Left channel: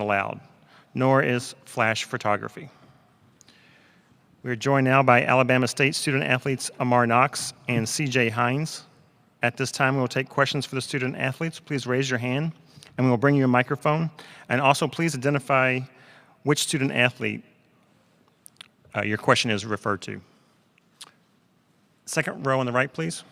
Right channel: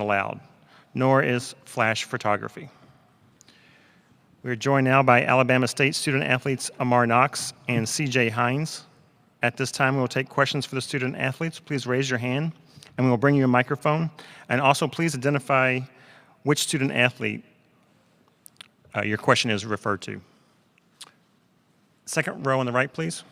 allowed, nor is flash photography. We are joined now by Alabama State student athletes Amar Knox and CJ Hines. At this time, we will take questions for the student athletes. Please raise your hand, and we will bring you a microphone. And also, please identify which student athlete your question is referred to. Second row on the right, please.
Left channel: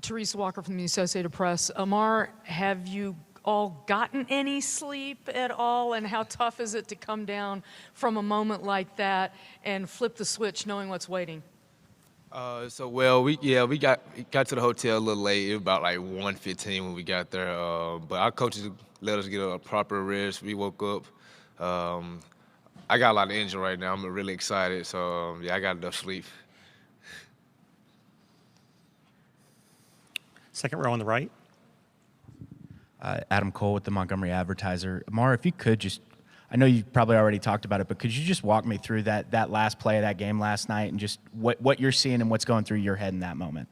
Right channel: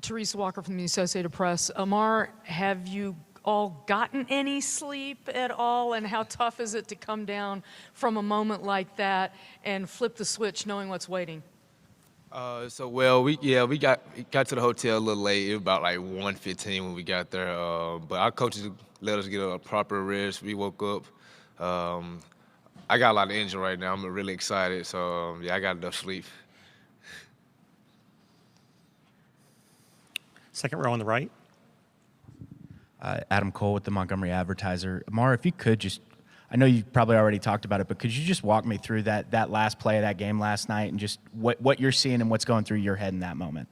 Teresa Walker from the Associated Press. Amar, have you all gotten any sleep at all, and how tough is it to come down from a moment like that and flip the switch knowing what's waiting? We got to the hotel a little late. It was about like 1:15 when we got there. But our coaches let us get a proper rest. We woke up. I got a lot of energy right now. I'm really excited. So I got enough sleep. Second row on the right. Adam Cole with the Montgomery Advertiser. Amar, if you could just, I know you probably already talked about it, but could you just walk me through that last play of that game last night and just what you're seeing and what's going through your head in that moment?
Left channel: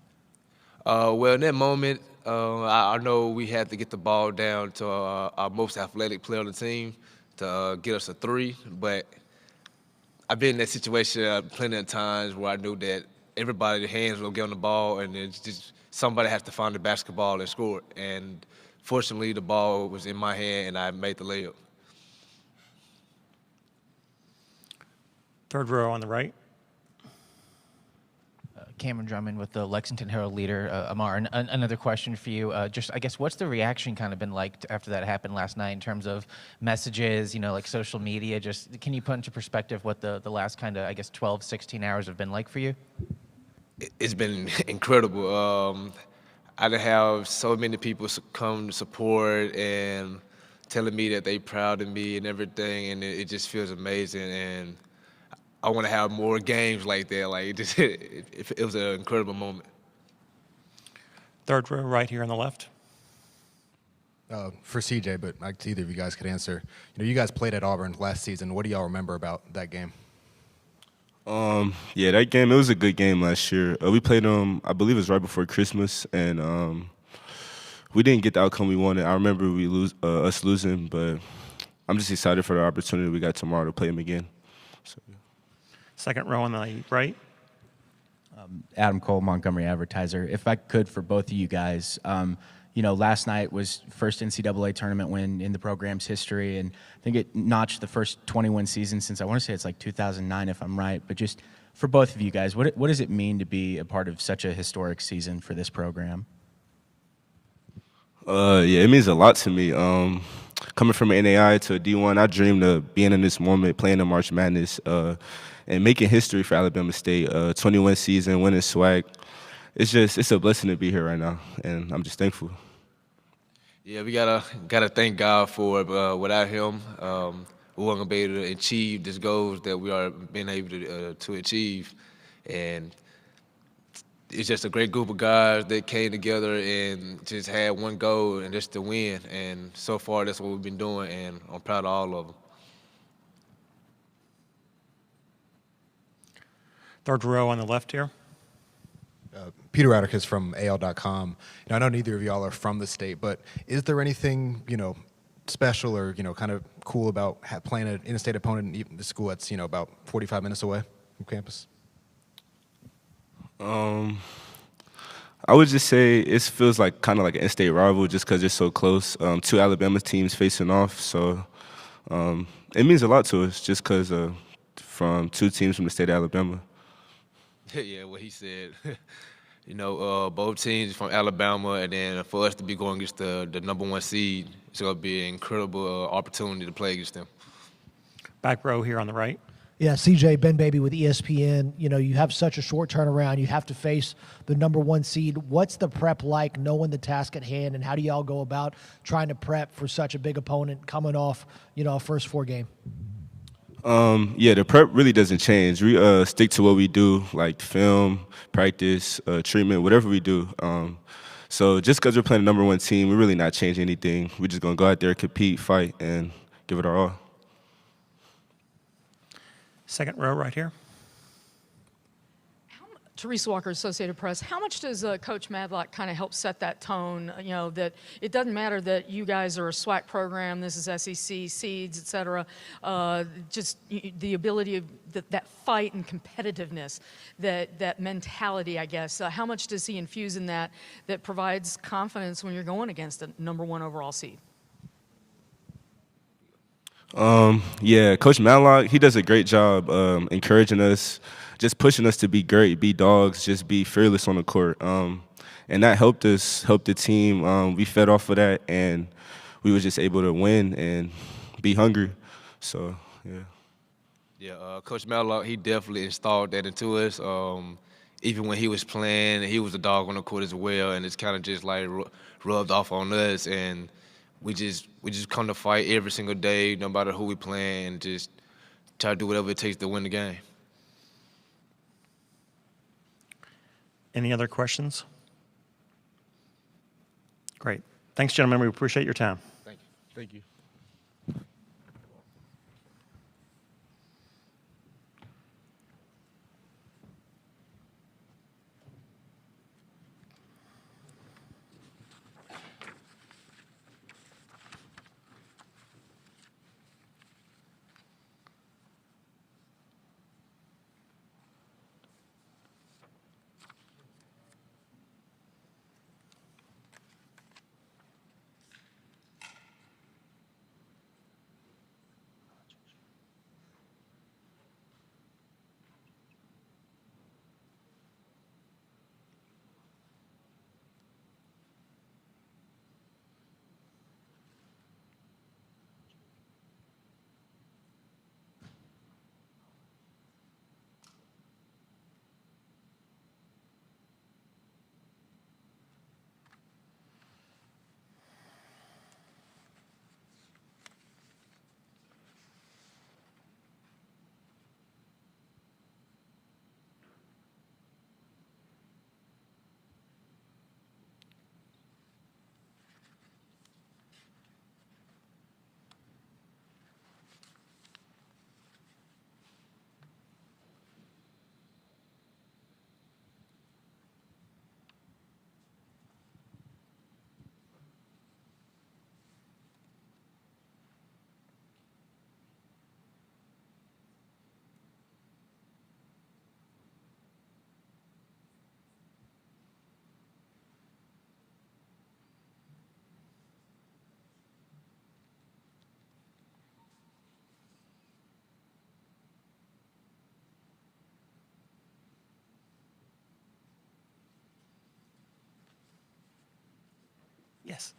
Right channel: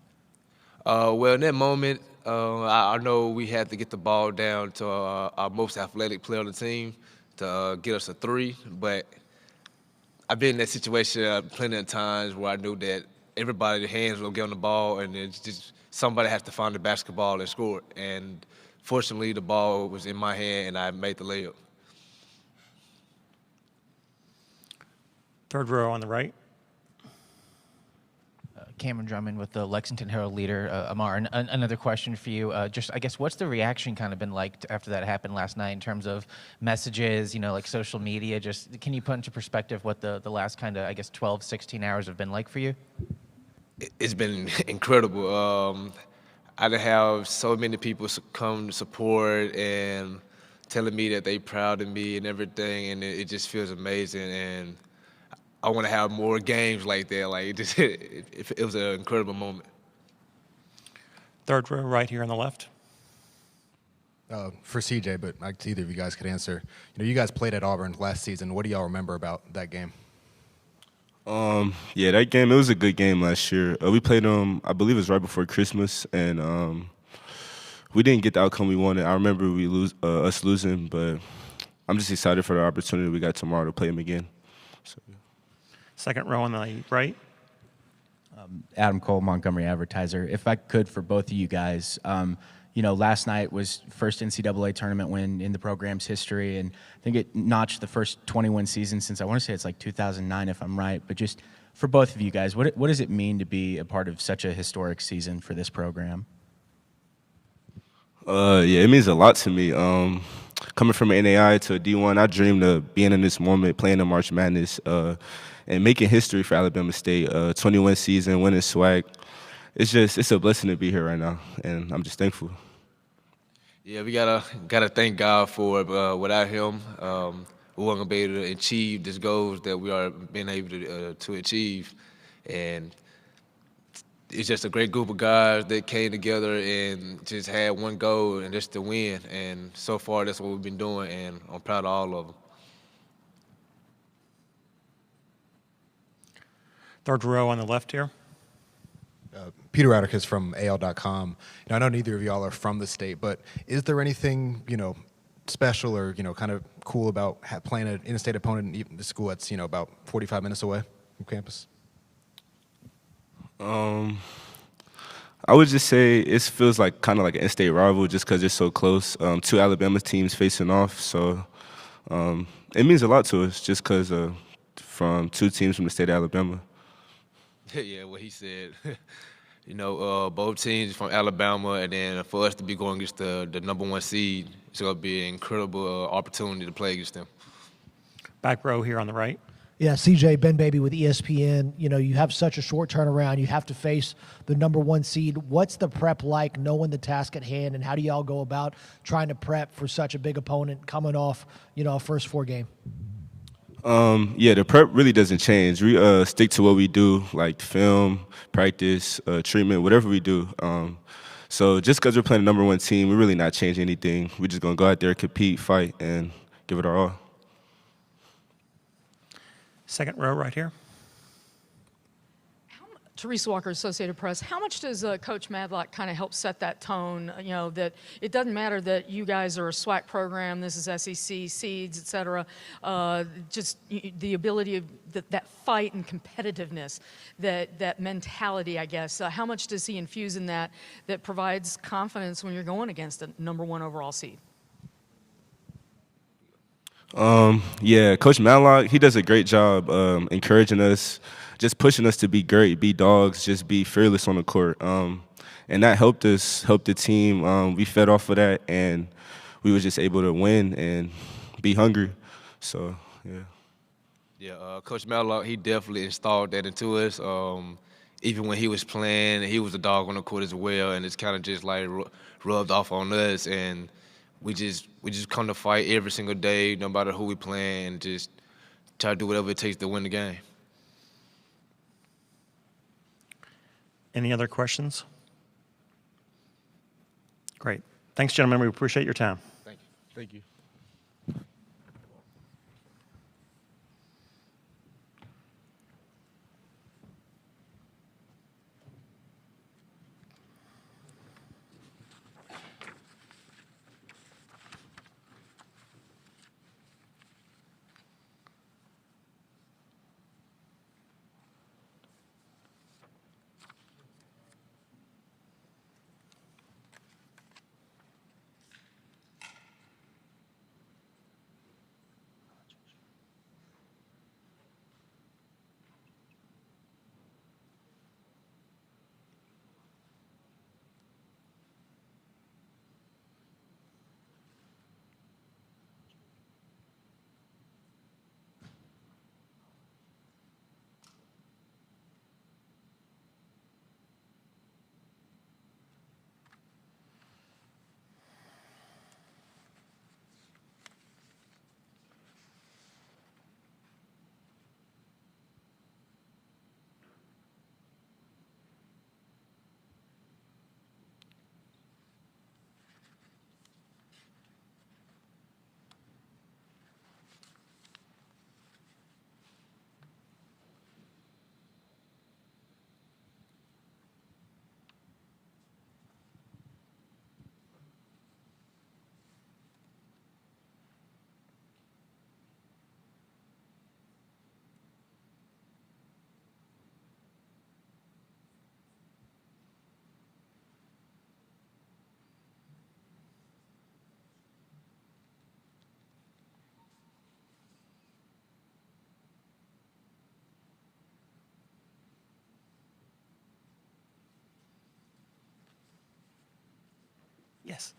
In that moment, I know we had to get the ball down to our most athletic player on the team to get us a three, but I've been in that situation plenty of times where I knew that everybody's hands will get on the ball and it's just somebody has to find the basketball and score it. And fortunately, the ball was in my hand and I made the layup. Third row on the right. Cameron Drummond with the Lexington Herald-Leader. Amar, another question for you. I guess, what's the reaction kind of been like after that happened last night in terms of messages, like social media? Just can you put into perspective what the last kind of, 12, 16 hours have been like for you? It's been incredible. I have so many people come to support and telling me that they proud of me and everything, and it just feels amazing. And I want to have more games like that. Like it was an incredible moment. Third row right here on the left. For CJ, but either of you guys could answer. You guys played at Auburn last season. What do y'all remember about that game? That game, it was a good game last year. We played them, I believe it was right before Christmas, and we didn't get the outcome we wanted. I remember us losing, but I'm just excited for the opportunity we got tomorrow to play them again. So. Second row on the right. Adam Cole, Montgomery Advertiser. If I could, for both of you guys, last night was first NCAA tournament win in the program's history, and I think it notched the first 21 seasons since I want to say it's like 2009, if I'm right. But just for both of you guys, what does it mean to be a part of such a historic season for this program? It means a lot to me. Coming from an NAI to a D1, I dreamed of being in this moment, playing in March Madness, and making history for Alabama State. 21 season, winning swag. It's a blessing to be here right now, and I'm just thankful. Yeah, we gotta thank God for it. Without Him, we weren't gonna be able to achieve these goals that we are being able to achieve, and it's just a great group of guys that came together and just had one goal, and that's to win. And so far, that's what we've been doing, and I'm proud of all of them. Third row on the left here. Peter Radicus from AL.com. I know neither of y'all are from the state, but is there anything, special or, kind of cool about playing an in-state opponent in the school that's, about 45 minutes away from campus? I would just say it feels like kind of like an in-state rival just because it's so close. Two Alabama teams facing off, so it means a lot to us just because from two teams from the state of Alabama. Yeah, what he said. Both teams from Alabama, and then for us to be going against the number one seed, it's going to be an incredible opportunity to play against them. Back row here on the right. Yeah, CJ, Ben Baby with ESPN. You have such a short turnaround. You have to face the number one seed. What's the prep like, knowing the task at hand, and how do y'all go about trying to prep for such a big opponent coming off, a first four game? The prep really doesn't change. We stick to what we do, like film, practice, treatment, whatever we do. So just because we're playing the number one team, we're really not changing anything. We're just going to go out there, compete, fight, and give it our all. Second row right here. Teresa Walker, Associated Press. How much does Coach Madlock kind of help set that tone? You know, that it doesn't matter that you guys are a SWAC program, this is SEC, seeds, et cetera. Just the ability of that fight and competitiveness, that mentality, I guess. How much does he infuse in that provides confidence when you're going against the number 1 overall seed? Yeah, Coach Matlock, he does a great job encouraging us, just pushing us to be great, be dogs, just be fearless on the court. And that helped us, helped the team. We fed off of that, and we were just able to win and be hungry. So, yeah. Yeah, Coach Matlock, he definitely installed that into us. Even when he was playing, he was a dog on the court as well, and it's kind of just like rubbed off on us. And we just come to fight every single day, no matter who we play, and just try to do whatever it takes to win the game. Any other questions? Great. Thanks, gentlemen. We appreciate your time. Thank you. Thank you. Yes.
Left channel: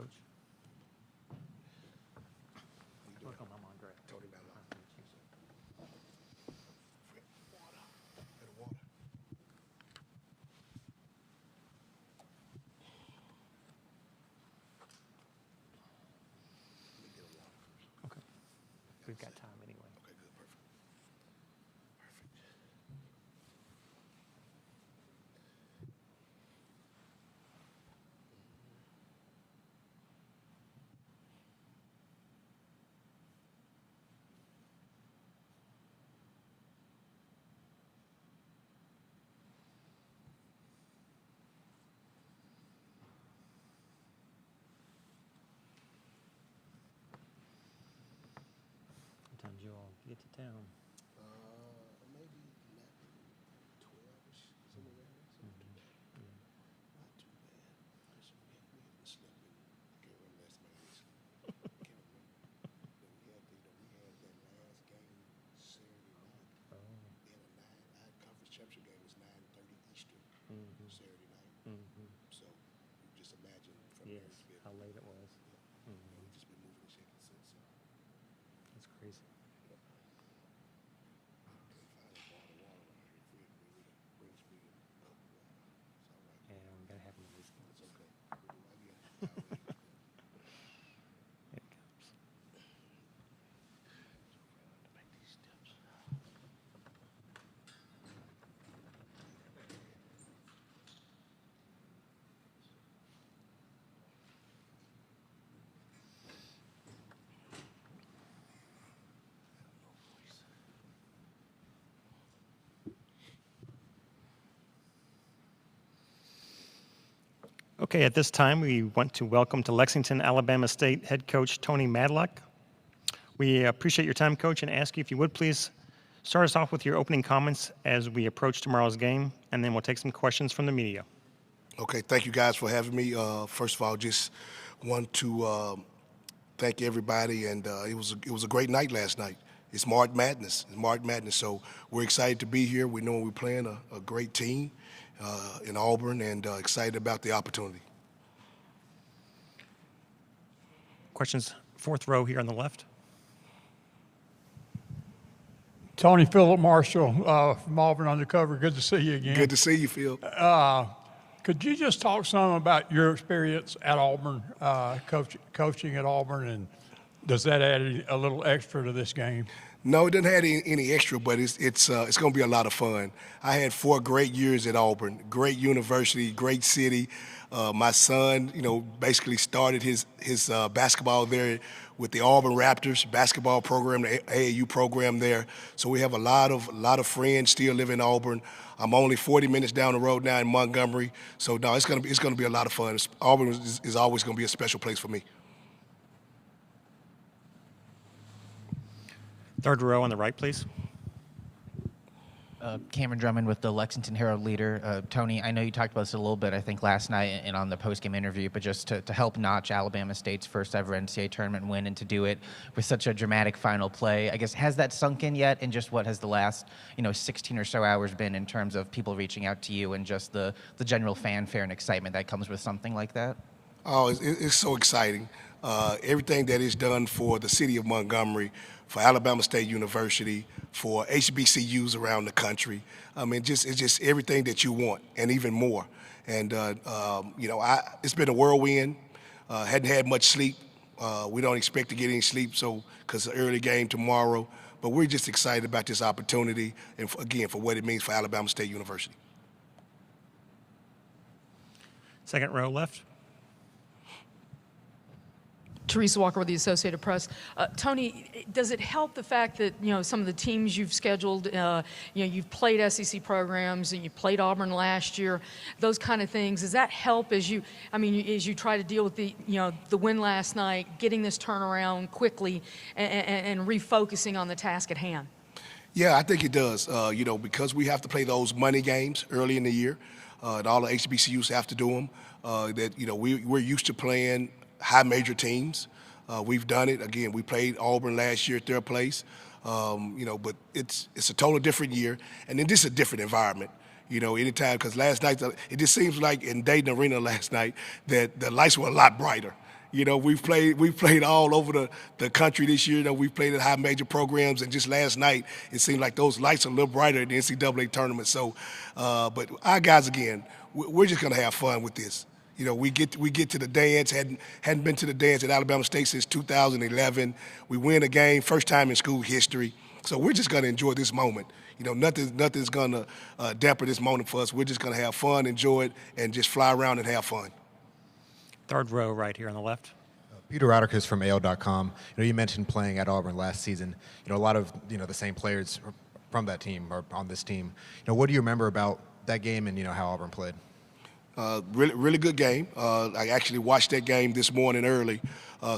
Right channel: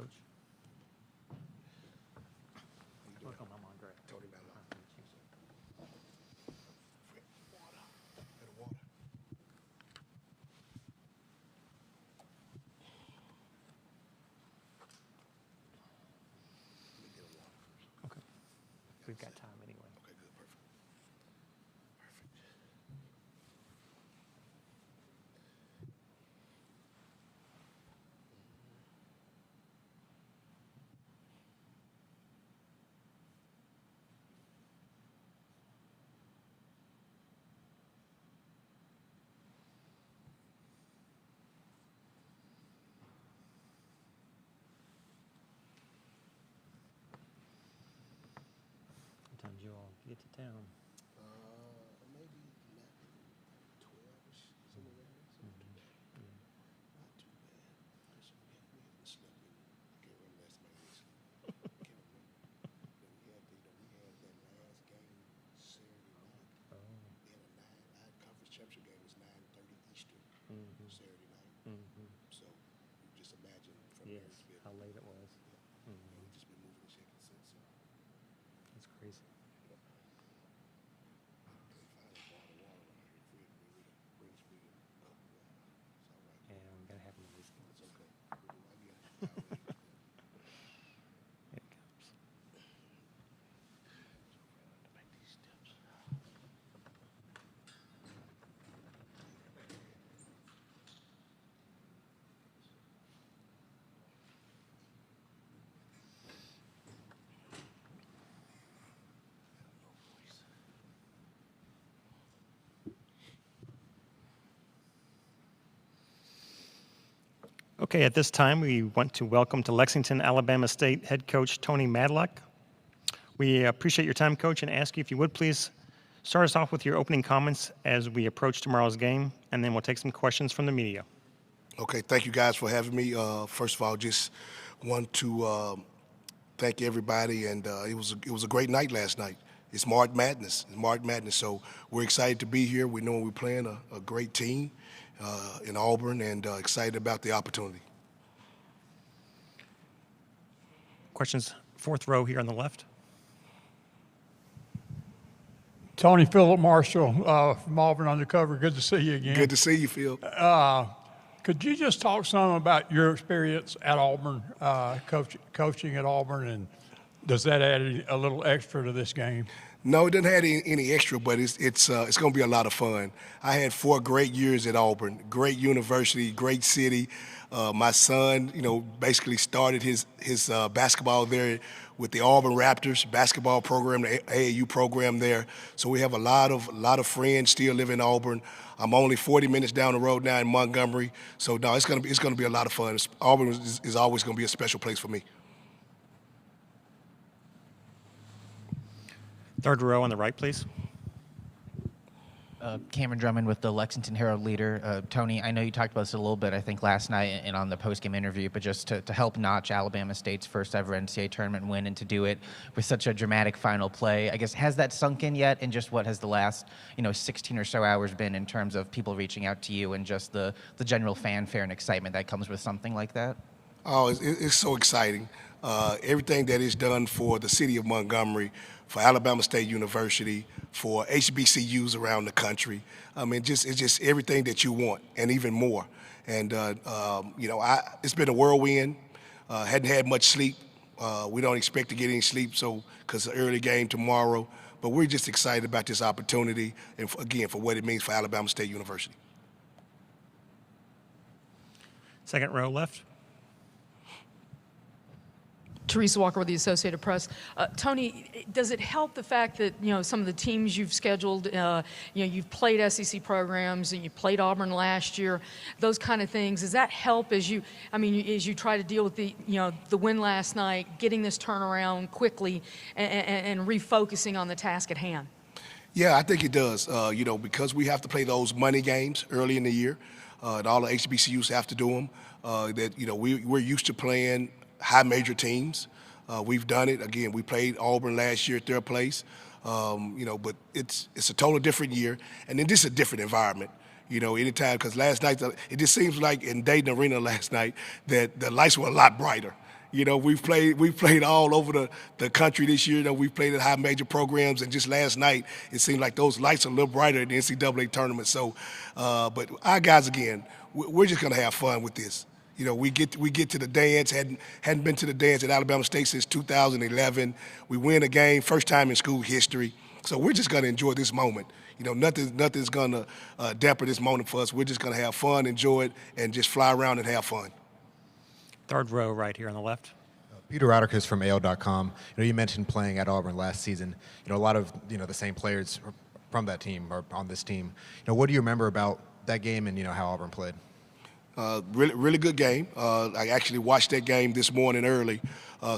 Coach. Okay. We've got time anyway. What time do you all get to town? Maybe 12-ish, somewhere around there. Not too bad. Just we haven't slept in. I can't remember last night. Can't remember. But we had that last game Saturday night. We had our conference championship game was 9:30 Eastern Saturday night. So you just imagine from there. Yes, how late it was. Yeah. We've just been moving and shaking since. So. That's crazy. Yeah, I'm going to have one of these things. Here it comes. Okay, at this time, we want to welcome to Lexington, Alabama State head coach Tony Madlock. We appreciate your time, Coach, and ask you if you would please start us off with your opening comments as we approach tomorrow's game, and then we'll take some questions from the media. Okay, thank you guys for having me. First of all, just want to thank everybody, and it was a great night last night. It's March Madness. So we're excited to be here. We know we're playing a great team in Auburn, and excited about the opportunity. Questions, fourth row here on the left. Tony Phillip Marshall from Auburn Undercover. Good to see you again. Good to see you, Phil. Could you just talk some about your experience at Auburn, coaching at Auburn, and does that add a little extra to this game? No, it doesn't have any extra, but it's going to be a lot of fun. I had 4 great years at Auburn, great university, great city. My son, basically started his basketball there with the Auburn Raptors basketball program, the AAU program there. So we have a lot of friends still live in Auburn. I'm only 40 minutes down the road now in Montgomery. So no, it's going to be a lot of fun. Auburn is always going to be a special place for me. Third row on the right, please. Cameron Drummond with the Lexington Herald Leader. Tony, I know you talked about this a little bit, I think, last night and on the postgame interview, but just to help notch Alabama State's first ever NCAA tournament win and to do it with such a dramatic final play, I guess, has that sunk in yet? And just what has the last, 16 or so hours been in terms of people reaching out to you and just the general fanfare and excitement that comes with something like that? Oh, it's so exciting. Everything that is done for the city of Montgomery, for Alabama State University, for HBCUs around the country. I mean, it's just everything that you want and even more. And, it's been a whirlwind. Hadn't had much sleep. We don't expect to get any sleep, because the early game tomorrow. But we're just excited about this opportunity and, again, for what it means for Alabama State University. Second row left. Teresa Walker with the Associated Press. Tony, does it help the fact that, some of the teams you've scheduled, you've played SEC programs and you played Auburn last year, those kind of things, does that help as you try to deal with the win last night, getting this turnaround quickly and refocusing on the task at hand? Yeah, I think it does. Because we have to play those money games early in the year, and all the HBCUs have to do them, we're used to playing high major teams. We've done it. Again, we played Auburn last year at their place, but it's a totally different year. And then this is a different environment, anytime, because last night, it just seems like in Dayton Arena last night that the lights were a lot brighter. You know, we've played all over the country this year. You know, we've played at high major programs, and just last night it seemed like those lights are a little brighter in the NCAA tournament. So, but our guys, again, we're just going to have fun with this. You know, we get to the dance. Hadn't been to the dance at Alabama State since 2011. We win a game, first time in school history. So we're just going to enjoy this moment. You know, nothing's going to dampen this moment for us. We're just going to have fun, enjoy it, and just fly around and have fun. Third row right here on the left. Peter Rodriguez from AL.com. You know, you mentioned playing at Auburn last season. You know, a lot of the same players from that team or on this team. You know, what do you remember about that game and how Auburn played? Really good game. I actually watched that game this morning early,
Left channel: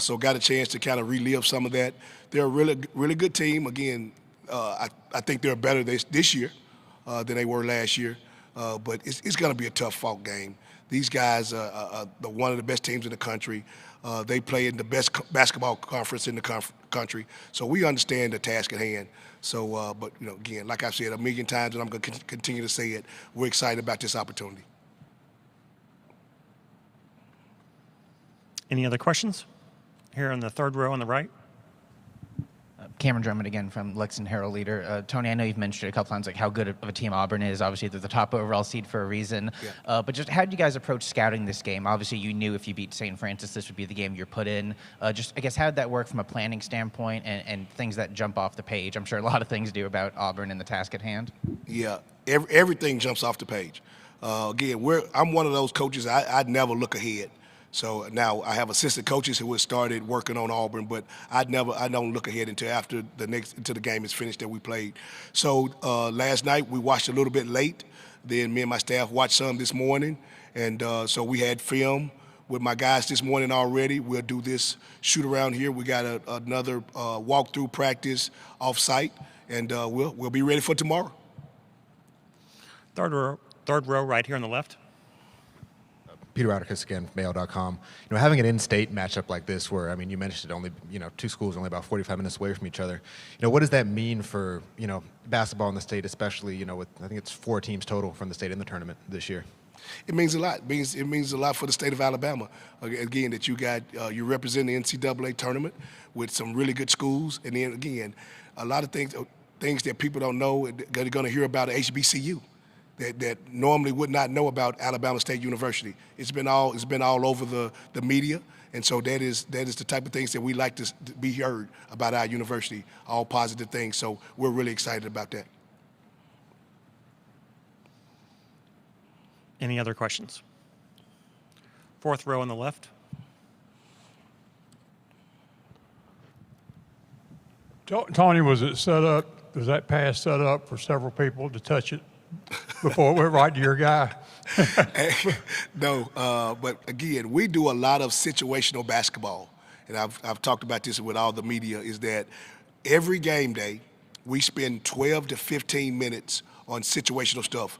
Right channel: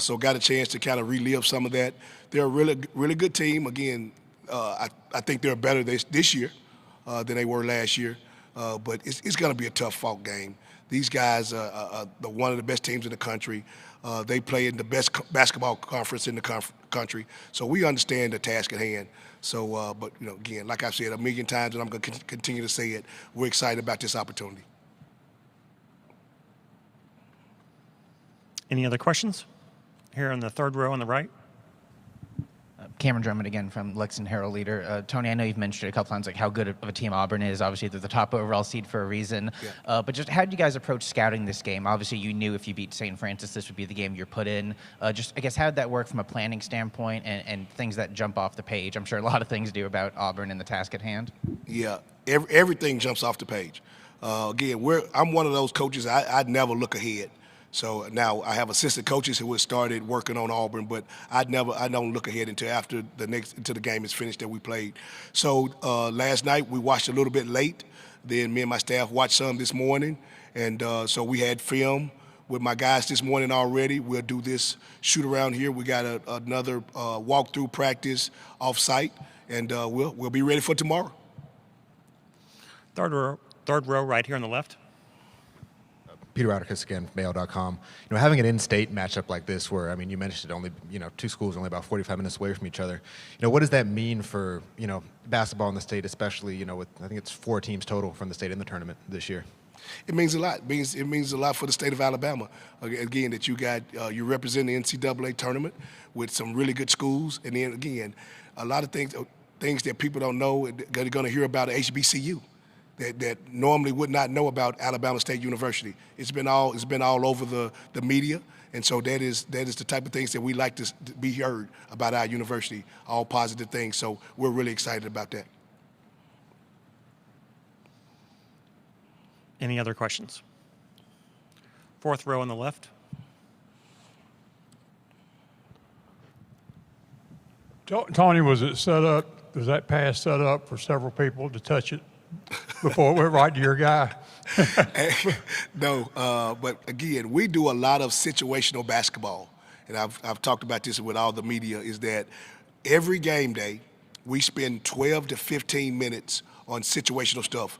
so got a chance to kind of relive some of that. They're a really good team. Again, I think they're better this year than they were last year, but it's going to be a tough fought game. These guys are one of the best teams in the country. They play in the best basketball conference in the country, so we understand the task at hand. So, but again, like I've said a million times, and I'm going to continue to say it, we're excited about this opportunity. Any other questions? Here in the third row on the right. Cameron Drummond again from Lexington Herald Leader. Tony, I know you've mentioned a couple times like how good of a team Auburn is. Obviously, they're the top overall seed for a reason. Yeah. But just how did you guys approach scouting this game? Obviously, you knew if you beat St. Francis, this would be the game you're put in. Just, I guess, how did that work from a planning standpoint and things that jump off the page? I'm sure a lot of things do about Auburn and the task at hand. Yeah, everything jumps off the page. Again, I'm one of those coaches, I'd never look ahead. So now I have assistant coaches who have started working on Auburn, but I don't look ahead until after until the game is finished that we played. So last night we watched a little bit late. Then me and my staff watched some this morning, and so we had film with my guys this morning already. We'll do this shoot around here. We got another walkthrough practice off site, and we'll be ready for tomorrow. Third row right here on the left. Peter Rodriguez again, Mail.com. You know, having an in-state matchup like this, where you mentioned it, only two schools only about 45 minutes away from each other. What does that mean for basketball in the state, especially with I think it's 4 teams total from the state in the tournament this year? It means a lot. It means a lot for the state of Alabama. Again, that you represent the NCAA tournament with some really good schools, and then again, a lot of things that people don't know they're going to hear about at HBCU. That normally would not know about Alabama State University. It's been all over the media, and so that is the type of things that we like to be heard about our university, all positive things. So we're really excited about that. Any other questions? Fourth row on the left. Tony, was that pass set up for several people to touch it before it went right to your guy? No, but again, we do a lot of situational basketball, and I've talked about this with all the media, is that every game day we spend 12 to 15 minutes on situational stuff.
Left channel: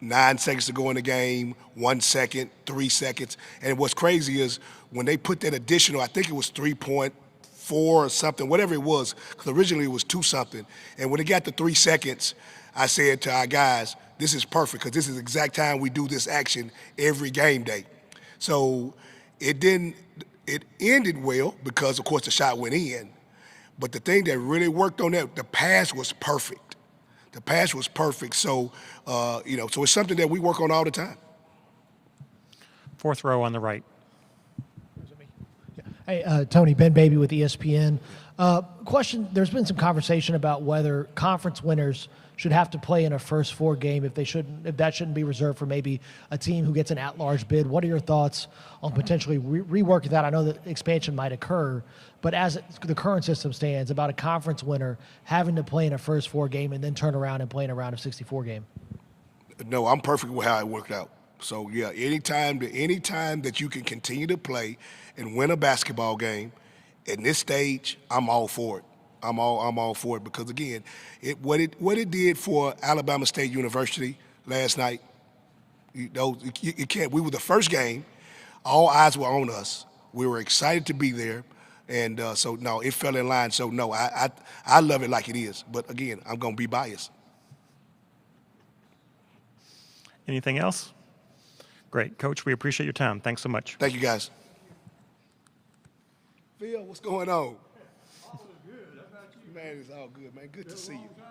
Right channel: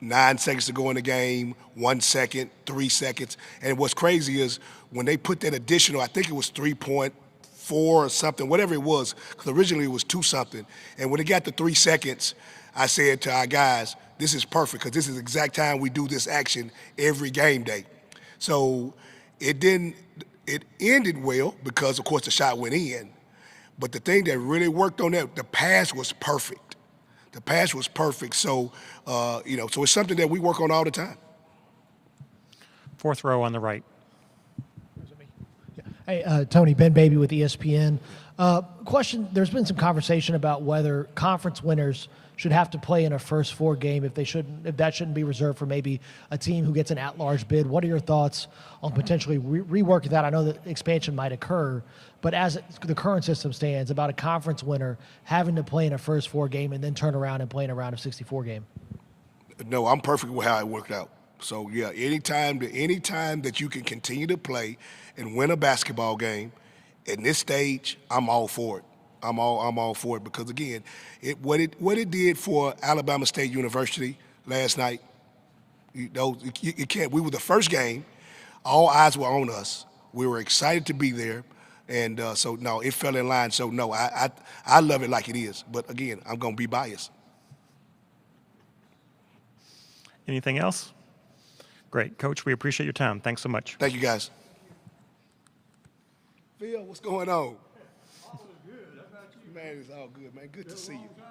9 seconds to go in the game, 1 second, 3 seconds. And what's crazy is when they put that additional, I think it was 3.4 or something, whatever it was, because originally it was 2 something. And when it got to 3 seconds, I said to our guys, this is perfect because this is the exact time we do this action every game day. So it ended well because, of course, the shot went in. But the thing that really worked on that, the pass was perfect. The pass was perfect. So, so it's something that we work on all the time. Fourth row on the right. Hey, Tony, Ben Baby with ESPN. Question, there's been some conversation about whether conference winners should have to play in a first 4 game if that shouldn't be reserved for maybe a team who gets an at-large bid. What are your thoughts on potentially reworking that? I know that expansion might occur, but as the current system stands, about a conference winner having to play in a first 4 game and then turn around and play in a round of 64 game. No, I'm perfect with how it worked out. So yeah, anytime that you can continue to play and win a basketball game at this stage, I'm all for it. I'm all for it because again, what it did for Alabama State University last night, you can't. We were the first game, all eyes were on us. We were excited to be there, and so no, it fell in line. So no, I love it like it is. But again, I'm gonna be biased. Anything else? Great, Coach. We appreciate your time. Thanks so much. Thank you, guys. Phil, what's going on? Man, it's all good, man. Good to see you.